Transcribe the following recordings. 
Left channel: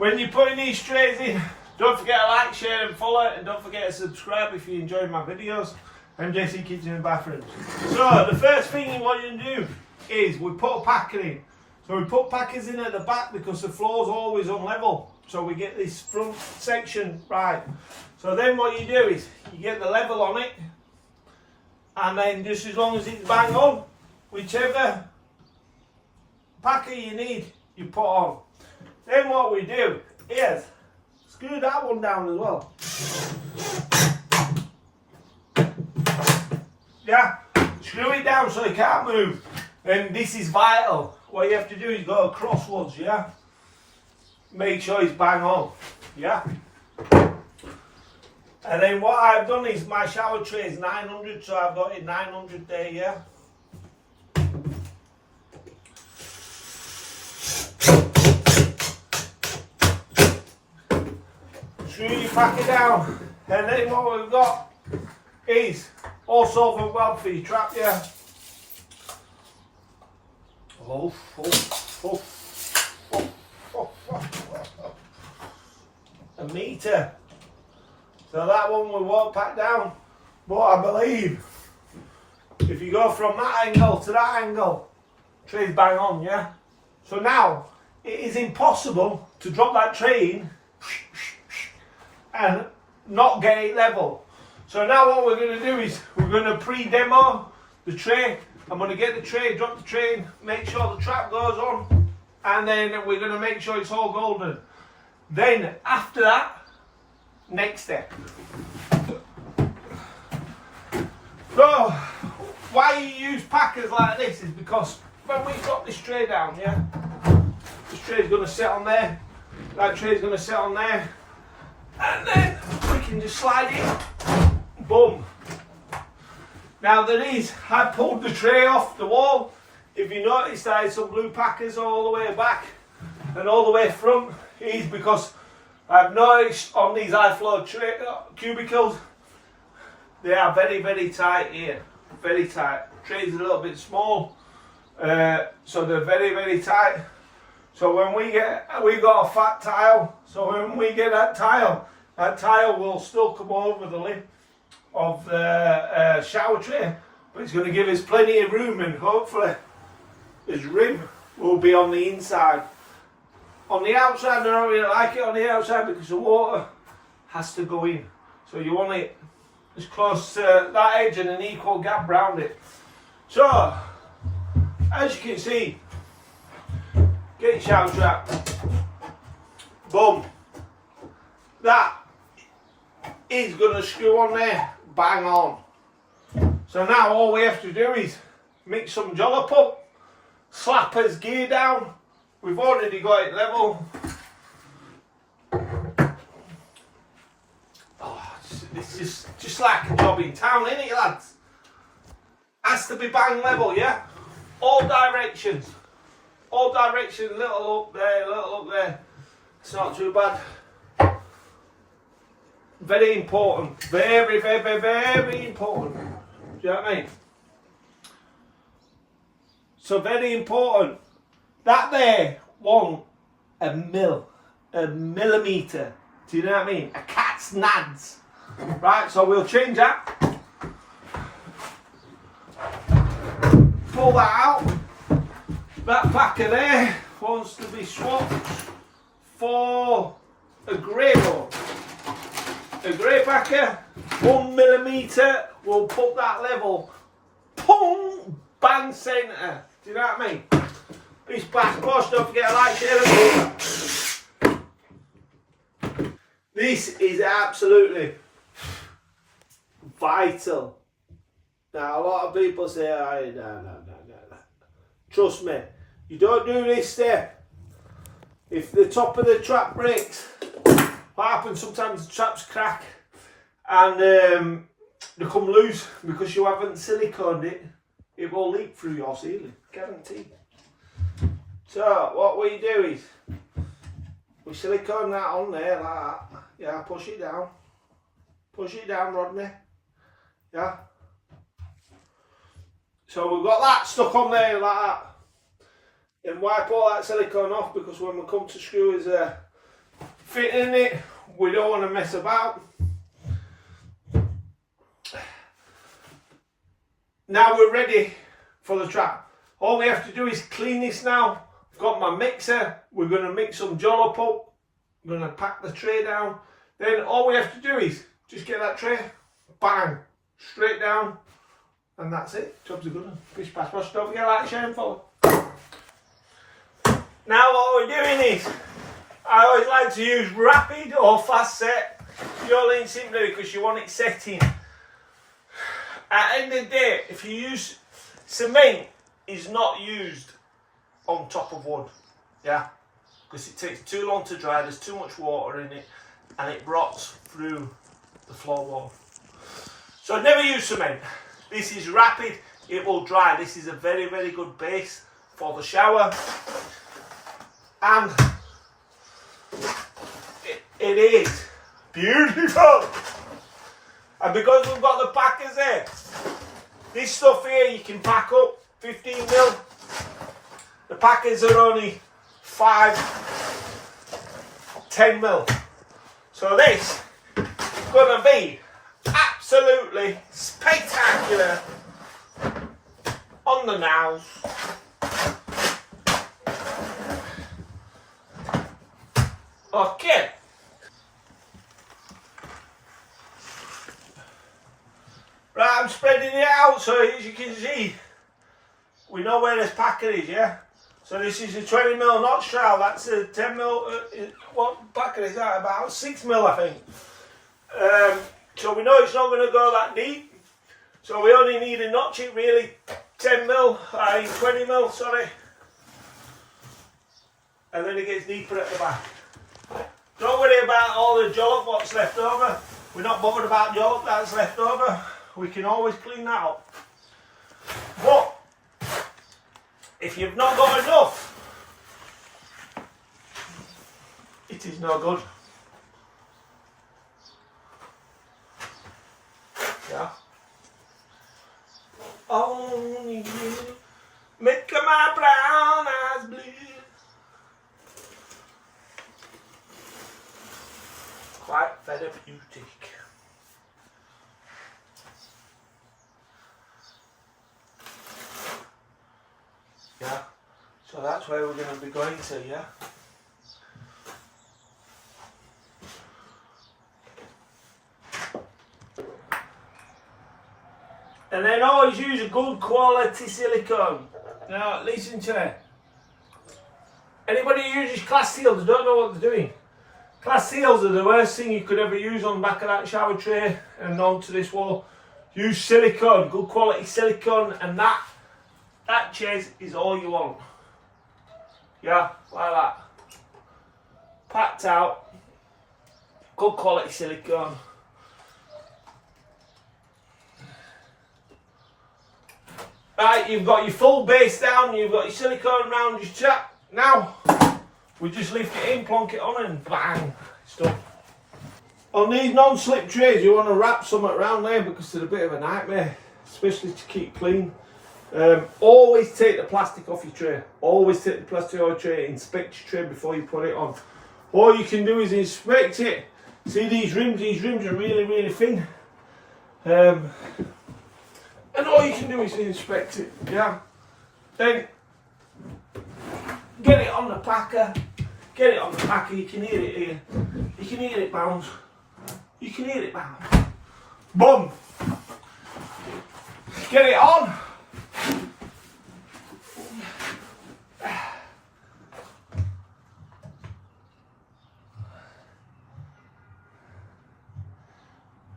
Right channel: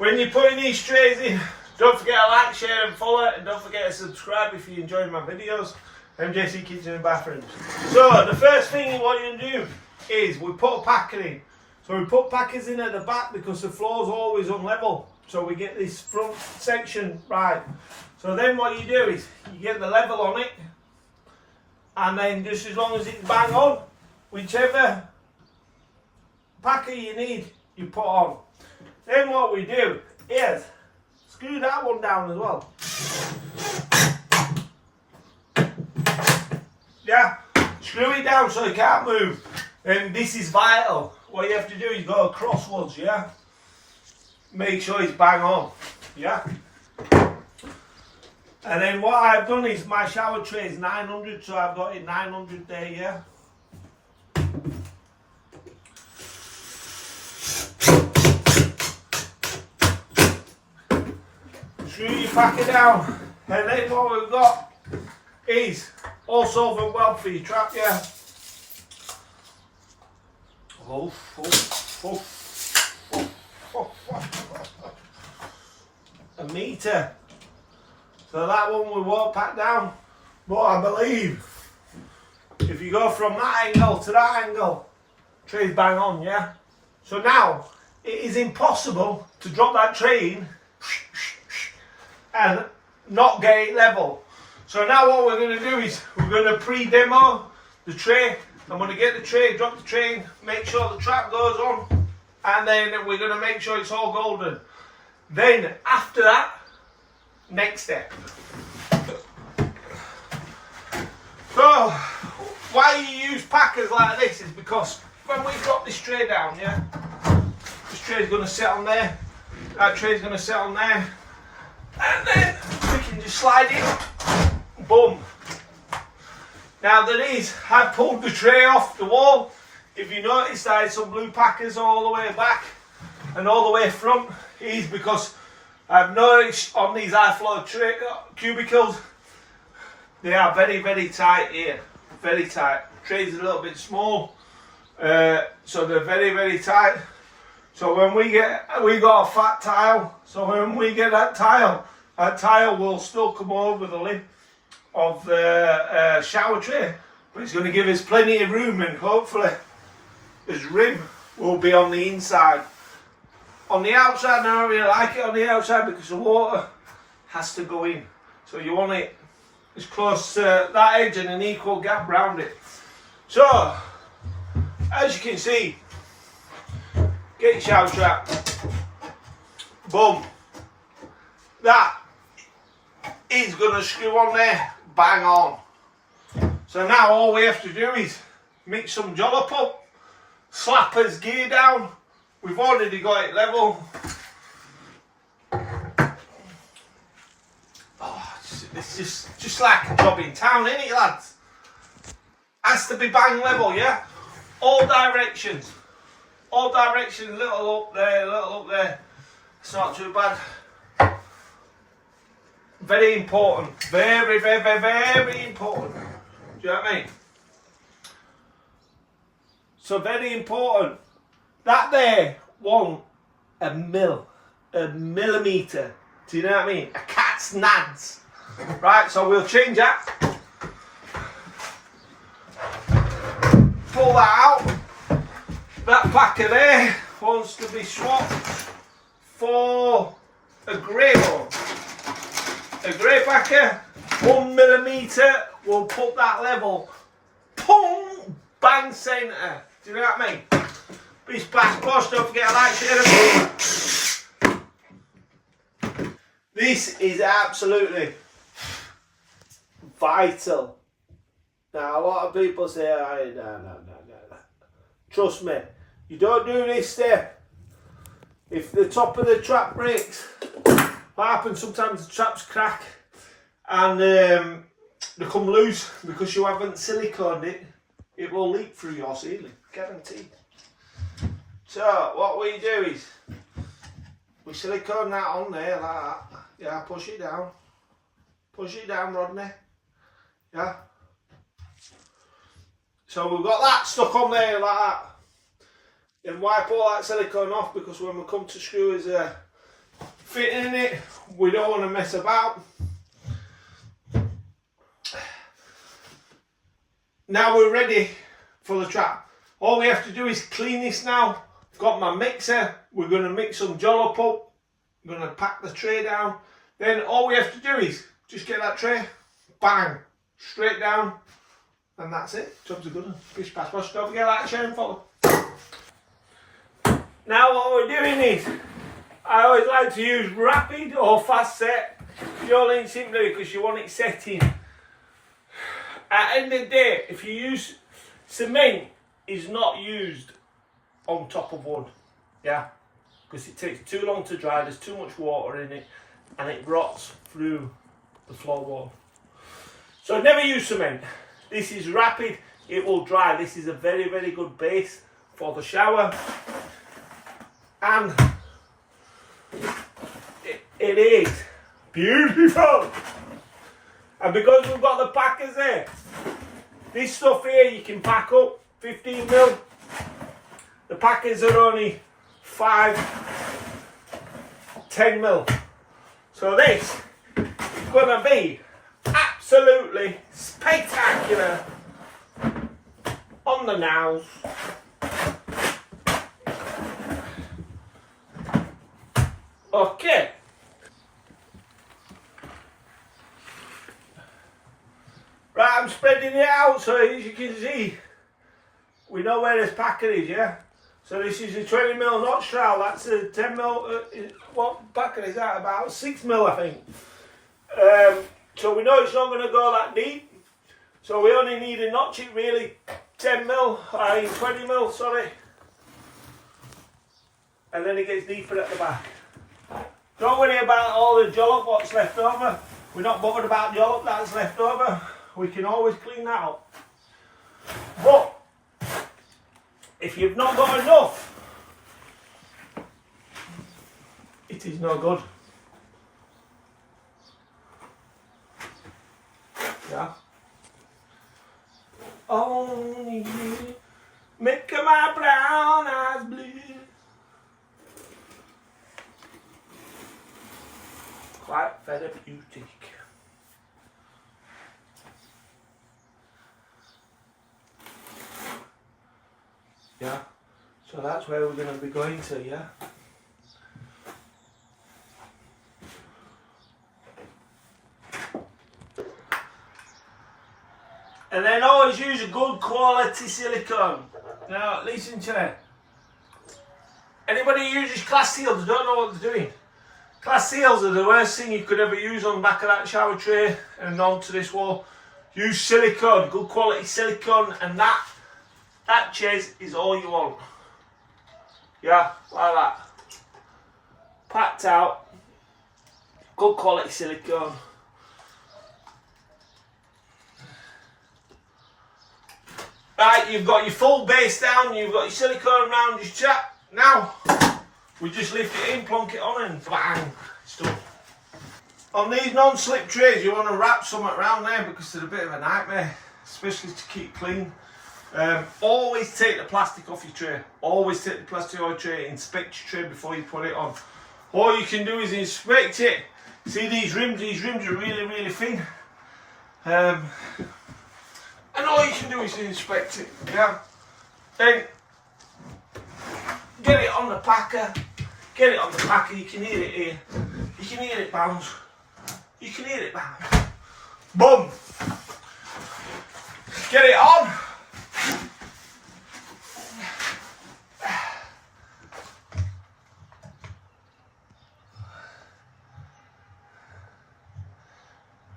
when you're putting these trays in, don't forget to like, share and follow, and don't forget to subscribe if you enjoy my videos. MJC Kitchen and Bathrooms. So the first thing you want to do is we put a packer in. So we put packers in at the back because the floor's always unlevel. So we get this front section right. So then what you do is you get the level on it, and then just as long as it's bang on, whichever packer you need, you put on. Then what we do is screw that one down as well. Yeah, screw it down so it can't move. Then this is vital. What you have to do is go crosswards, yeah? Make sure it's bang on, yeah? And then what I've done is my shower tray is 900, so I've got it 900 there, yeah? Screw your packer down, and then what we've got is all solvent weld for your trap, yeah? A metre. So that one we won't pack down, but I believe if you go from that angle to that angle, tray's bang on, yeah? So now it is impossible to drop that tray in and not get it level. So now what we're going to do is we're going to pre-demo the tray. I'm going to get the tray, drop the tray in, make sure the trap goes on, and then we're going to make sure it's all golden. Then after that, next step. So why you use packers like this is because when we drop this tray down, yeah, this tray is going to sit on there, that tray is going to sit on there, and then we can just slide it, boom. Now I pulled the tray off the wall. If you notice, I had some blue packers all the way back and all the way front. Is because I've noticed on these high floor cubicles, they are very, very tight here. Very tight. Tray's a little bit small, so they're very, very tight. So when we got a fat tile, so when we get that tile will still come over the lid of the shower tray, but it's going to give us plenty of room, and hopefully this rim will be on the inside. On the outside, I don't really like it on the outside because the water has to go in, so you want it as close to that edge and an equal gap round it. So as you can see, get your shower trap, boom, that is going to screw on there, bang on. So now all we have to do is mix some jollop up, slap his gear down. We've already got it level. Oh, it's just like a job in town, isn't it, lads? Has to be bang level, yeah? All directions. All directions, little up there, little up there. It's not too bad. Very important. Very, very, very, very important. Do you know what I mean? So very important. That there won't a millimetre. Do you know what I mean? A cat's nads. Right, so we'll change that. Pull that out. That packer there wants to be swapped for a grey one. A grey packer, 1 millimetre, will put that level. Boom! Bang centre. Do you know what I mean? This past post, don't forget to like, share and this is absolutely vital. Now a lot of people say, no. Trust me, you don't do this step. If the top of the trap breaks, what happens sometimes the traps crack and they come loose because you haven't siliconed it. It will leak through your ceiling, guaranteed. So what we do is we silicone that on there like that. Yeah, push it down. Push it down, Rodney. Yeah. So we've got that stuck on there like that. Then wipe all that silicone off, because when we come to screw his fitting in it. We don't want to mess about. Now we're ready for the trap. All we have to do is clean this now. I've got my mixer. We're going to mix some jollop up. I'm going to pack the tray down. Then all we have to do is just get that tray, bang, straight down, and that's it. Job's a good one. Bish bash bosh. Don't forget that share and follow. Now what we're doing is, I always like to use rapid or fast set, purely and simply because you want it setting. At the end of the day, if you use cement, is not used on top of wood, yeah, because it takes too long to dry. There's too much water in it, and it rots through the floorboard. So never use cement. This is rapid. It will dry. This is a very, very good base for the shower, and it is beautiful. And because we've got the packers there, this stuff here you can pack up 15 mil. The packers are only 10 mil. So this is gonna be absolutely spectacular on the nails. Okay. Right, I'm spreading it out so as you can see, we know where this packer is, yeah? So this is a 20 mil notch trowel, that's a 10 mil, what packer is that? About 6 mil I think. So we know it's not going to go that deep, so we only need to notch it really 10 mil, 20 mil, sorry. And then it gets deeper at the back. Don't worry about all the jollop what's left over. We're not bothered about jollop that's left over. We can always clean that up. But if you've not got enough, it is no good. Yeah. Only you make my brown eyes blue. Quite therapeutic. Yeah, so that's where we're going to be going to, yeah. And then always use a good quality silicone. Now, listen to me. Anybody who uses glass seals don't know what they're doing. Glass seals are the worst thing you could ever use on the back of that shower tray and onto this wall. Use silicone, good quality silicone, and that chase is all you want. Yeah, like that. Packed out. Good quality silicone. Right, you've got your full base down, you've got your silicone around your chap. Now, we just lift it in, plonk it on and bang, it's done. On these non-slip trays, you want to wrap something around there because they're a bit of a nightmare, especially to keep clean. Always take the plastic off your tray. Always take the plastic off your tray. Inspect your tray before you put it on. All you can do is inspect it. See these rims? These rims are really, really thin. And all you can do is inspect it. Yeah. Then get it on the packer. Get it on the packer. You can hear it here. You can hear it bounce. You can hear it bounce. Boom. Get it on.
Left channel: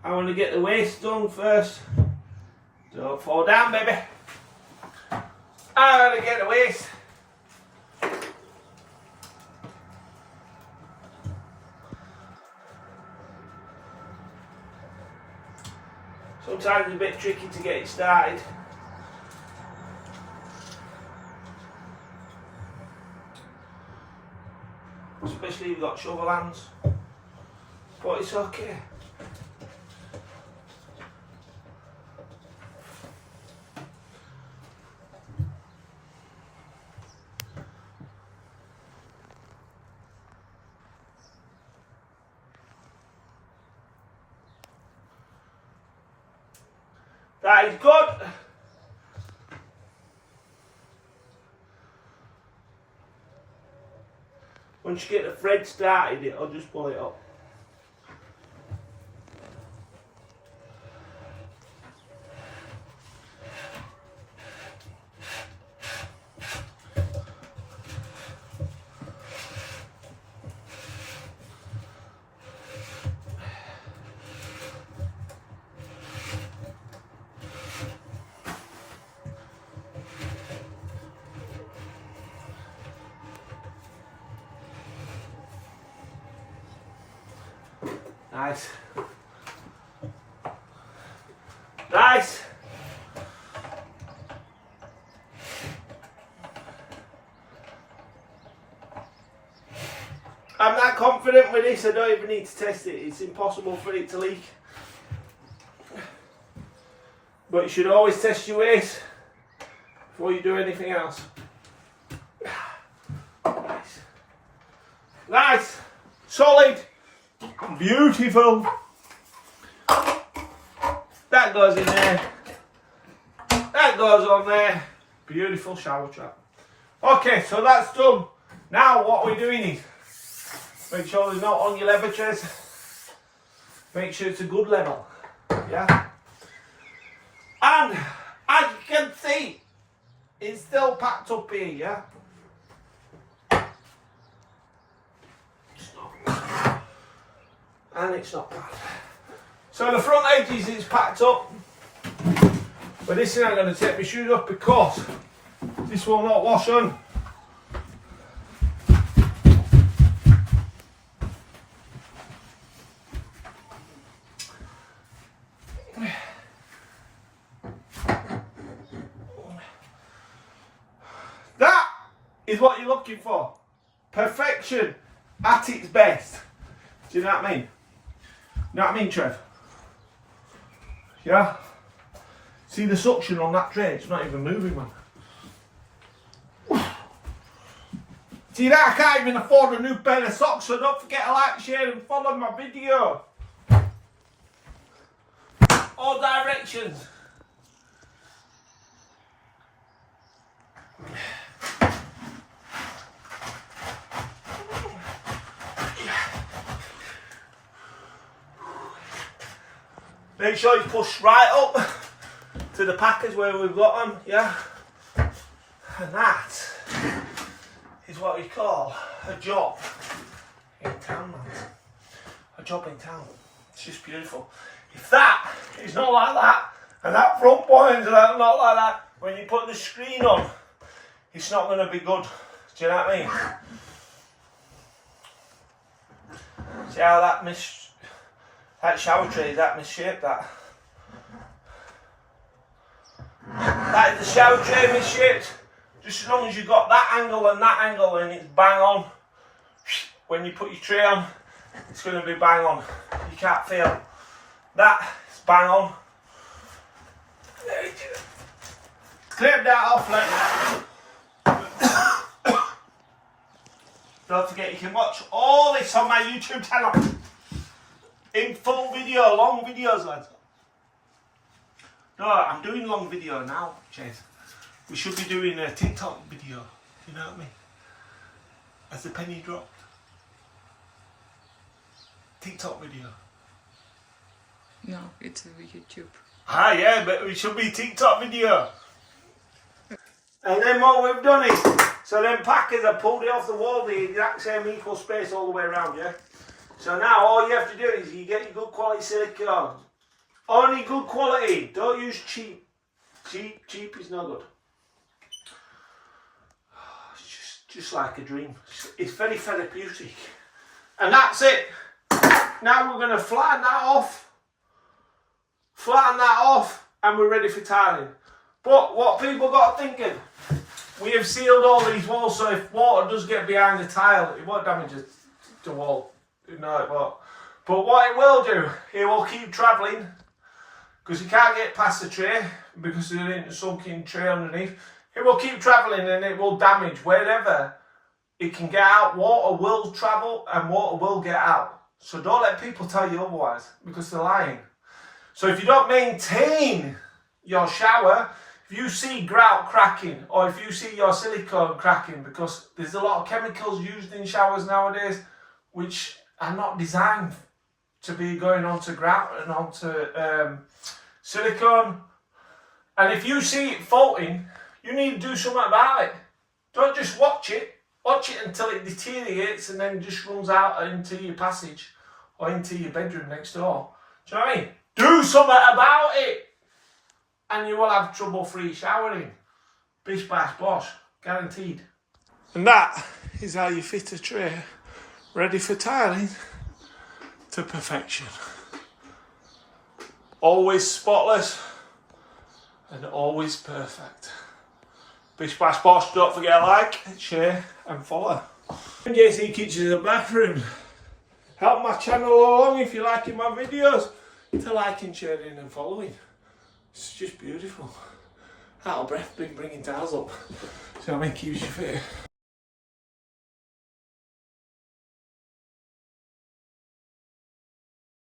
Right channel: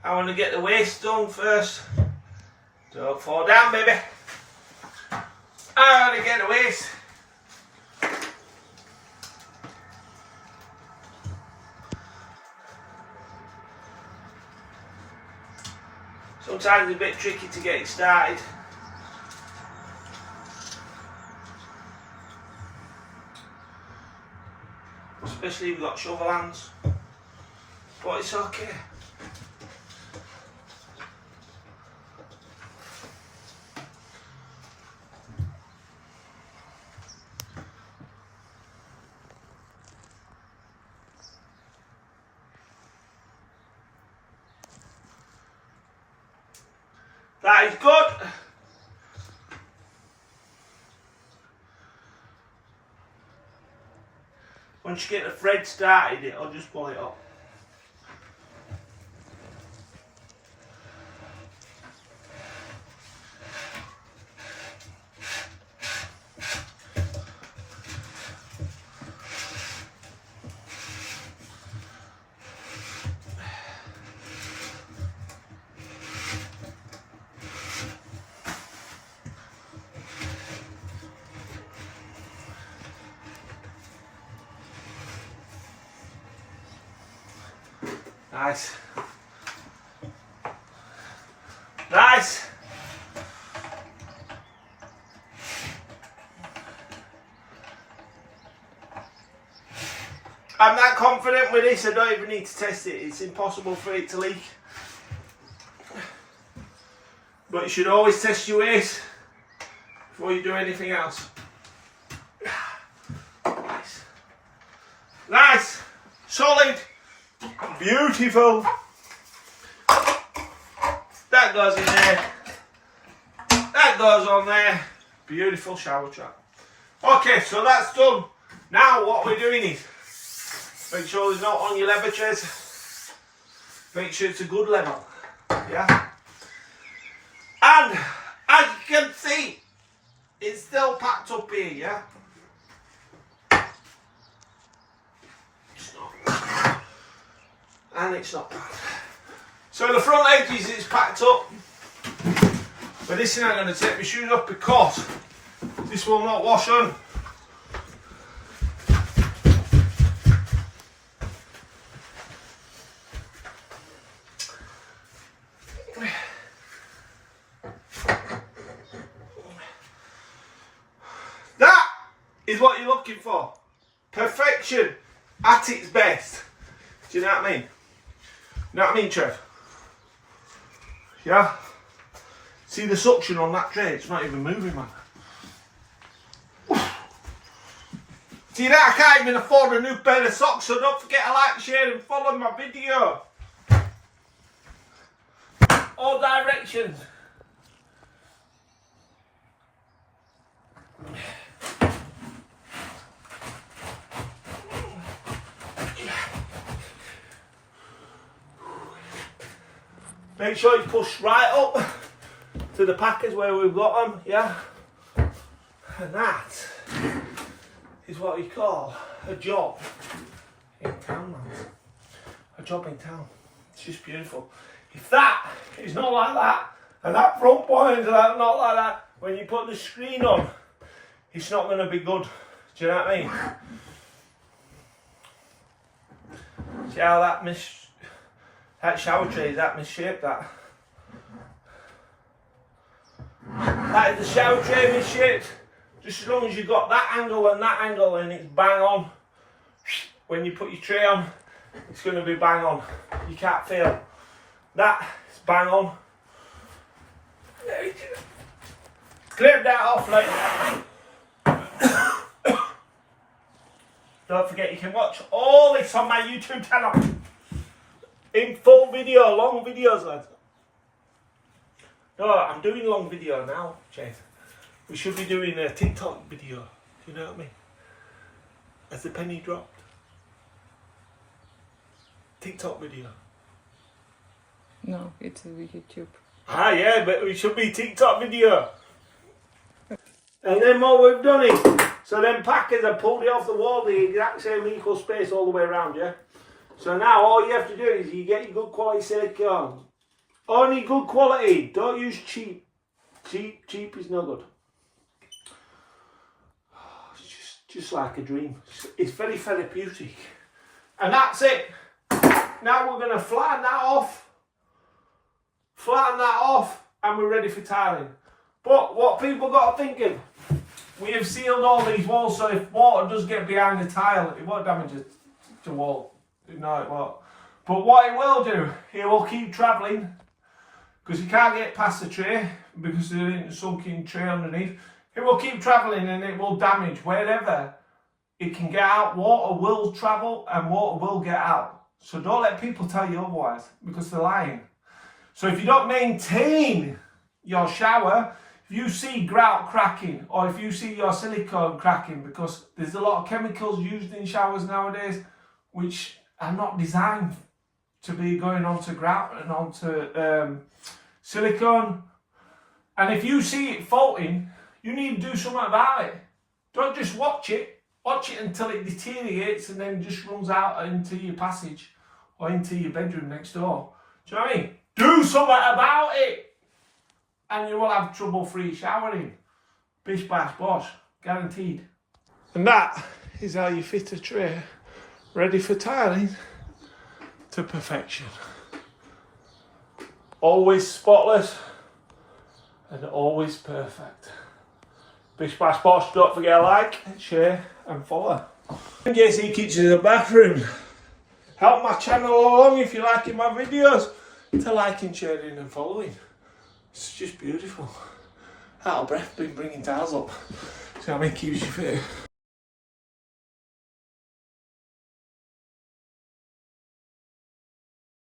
I want to get the waist done first. Don't fall down, baby. I want to get the waist. Sometimes it's a bit tricky to get it started. Especially if you've got shovel hands. But it's okay. That is good. Once you get the thread started, it'll just pull it up. Nice. Nice. I'm that confident with this, I don't even need to test it. It's impossible for it to leak. But you should always test your waste before you do anything else. Nice. Nice. Solid. Beautiful. That goes in there. That goes on there. Beautiful shower trap. Okay, so that's done. Now what we're doing is make sure there's not on your lever trays. Make sure it's a good level. Yeah. And as you can see, it's still packed up here, yeah? And it's not bad. So the front edges is packed up. But this thing I'm going to take my shoes off because this will not wash on. That is what you're looking for. Perfection at its best. Do you know what I mean? You know what I mean, Trev? Yeah? See the suction on that tray? It's not even moving, man. See that? I can't even afford a new pair of socks, so don't forget to like, share and follow my video. All directions. Make sure you push right up to the packers where we've got them, yeah? And that is what we call a job in town, man. A job in town. It's just beautiful. If that is not like that, and that front point is not like that, when you put the screen on, it's not going to be good. Do you know what I mean? See how that shower tray is that misshaped, that. That is the shower tray misshaped. Just as long as you've got that angle and it's bang on. When you put your tray on, it's going to be bang on. You can't fail. That is bang on. There you go. Clip that off like that. Don't forget you can watch all this on my YouTube channel. In full video, long videos, lads. No, I'm doing long video now, Chase. We should be doing a TikTok video. Do you know what I mean? As the penny dropped. TikTok video. No, it's a YouTube. Ah, yeah, but we should be TikTok video. And then what we've done is, so them packers have pulled it off the wall, the exact same equal space all the way around, yeah? So now all you have to do is you get your good quality silicone. Only good quality. Don't use cheap. Cheap is no good. It's just like a dream. It's very therapeutic. And that's it. Now we're going to flatten that off. Flatten that off and we're ready for tiling. But what people got thinking, we have sealed all these walls so if water does get behind the tile, it won't damage the wall. No, it won't. But what it will do, it will keep travelling because you can't get past the tray because there's a sunken tray underneath. It will keep travelling and it will damage wherever it can get out. Water will travel and water will get out. So don't let people tell you otherwise because they're lying. So if you don't maintain your shower, if you see grout cracking or if you see your silicone cracking, because there's a lot of chemicals used in showers nowadays which are not designed to be going onto grout and onto silicone. And if you see it faulting, you need to do something about it. Don't just watch it. Watch it until it deteriorates and then just runs out into your passage or into your bedroom next door. Do you know what I mean? Do something about it, and you will have trouble-free showering. Bish bash bosh, guaranteed. And that is how you fit a tray ready for tiling to perfection. Always spotless and always perfect. Bish bash bosh, don't forget to like, share and follow. JC Kitchens and Bathrooms. Help my channel along if you're liking my videos, to liking, sharing and following. It's just beautiful. Out of breath been bringing tiles up. So I mean, keeps you fit.